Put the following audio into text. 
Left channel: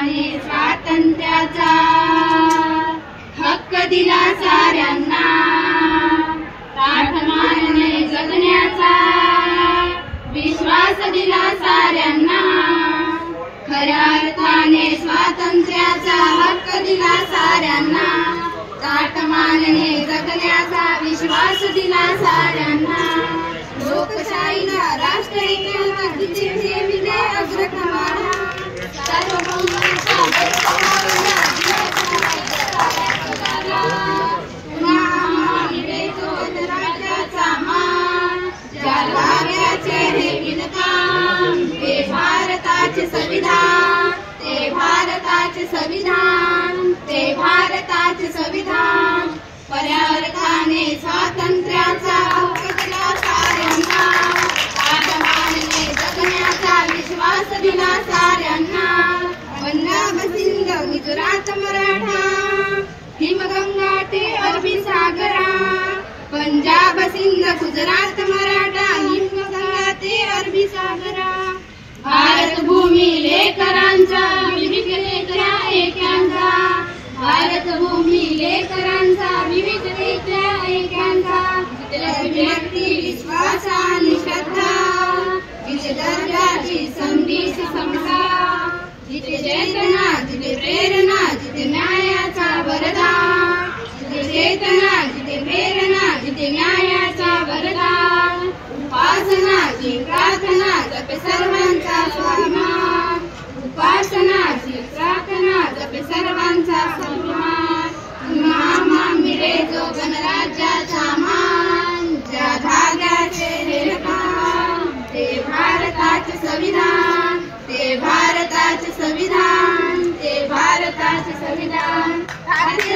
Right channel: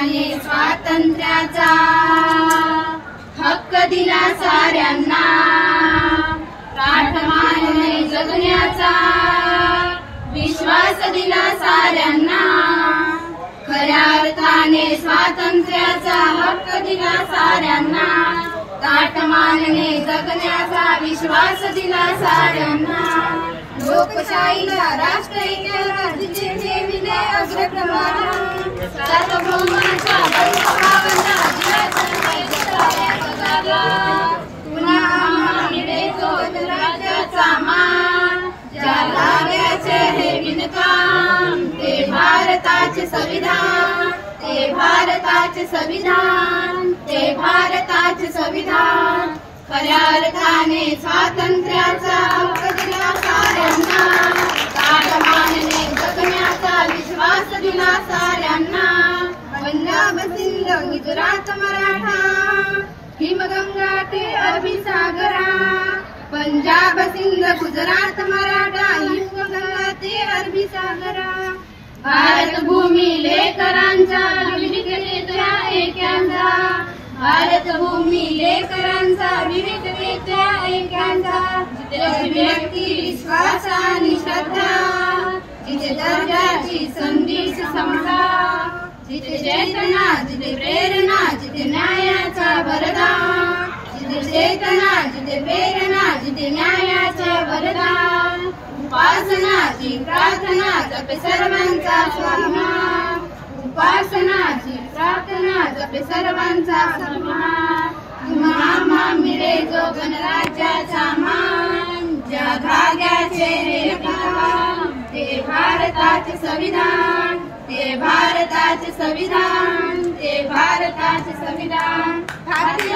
भारताने स्वातंत्र्याचा हक्क दिला साऱ्यांना, ताठमानेने जगण्याचा विश्वास दिला साऱ्यांना। खऱ्या अर्थाने स्वातंत्र्याचा हक्क दिला साऱ्यांना, ताठमानेने जगण्याचा विश्वास दिला साऱ्यांना। लोकशाहीला राष्ट्रहिताला ठेविले अग्रक्रमाला, सार्वभौमांच्या बळकटाला दिला पुन्हा मिळेल राज्याचा मान। ज्या लाग्याचे हे विणकाम ते भारताचे संविधान, ते भारताचे संविधान, ते भारताचे संविधान। खऱ्या अर्थाने स्वातंत्र्याचा हक्क दिला साऱ्यांना, ताठमानेने जगण्याचा विश्वास दिला साऱ्यांना। पंजाब सिंध गुजरात मराठा, हिमगंगा ते अरबी सागरा। पंजाब सिंध गुजरात मराठा, हिमगंगा ते अरबी सागरा। भारत भूमी लेकरांचा विविधतेच्या ऐक्यांचा, भारत भूमी लेकरांचा विविधतेच्या ऐक्यांचा। जिथे व्यक्ती विश्वास आणि श्रद्धा, जिथे दर्जाची संधी समता, जिथे चेतना जिथे प्रेरणा, जिथे न्यायाचा वरदान। जिथे चेतना जिथे प्रेरणा, जिथे न्यायाचा वरदान। उपासनाची प्रार्थना जपे सर्वांचा स्वाभिमान, उपासनाची प्रार्थना जपे सर्वांचा स्वाभिमान। तुम्हा मिळे जो गणराज्याचा मान, ज्या धाग्याचे हे काम ते भारताचे संविधान, ते भारताचे संविधान, ते भारताचे संविधान। भारतीय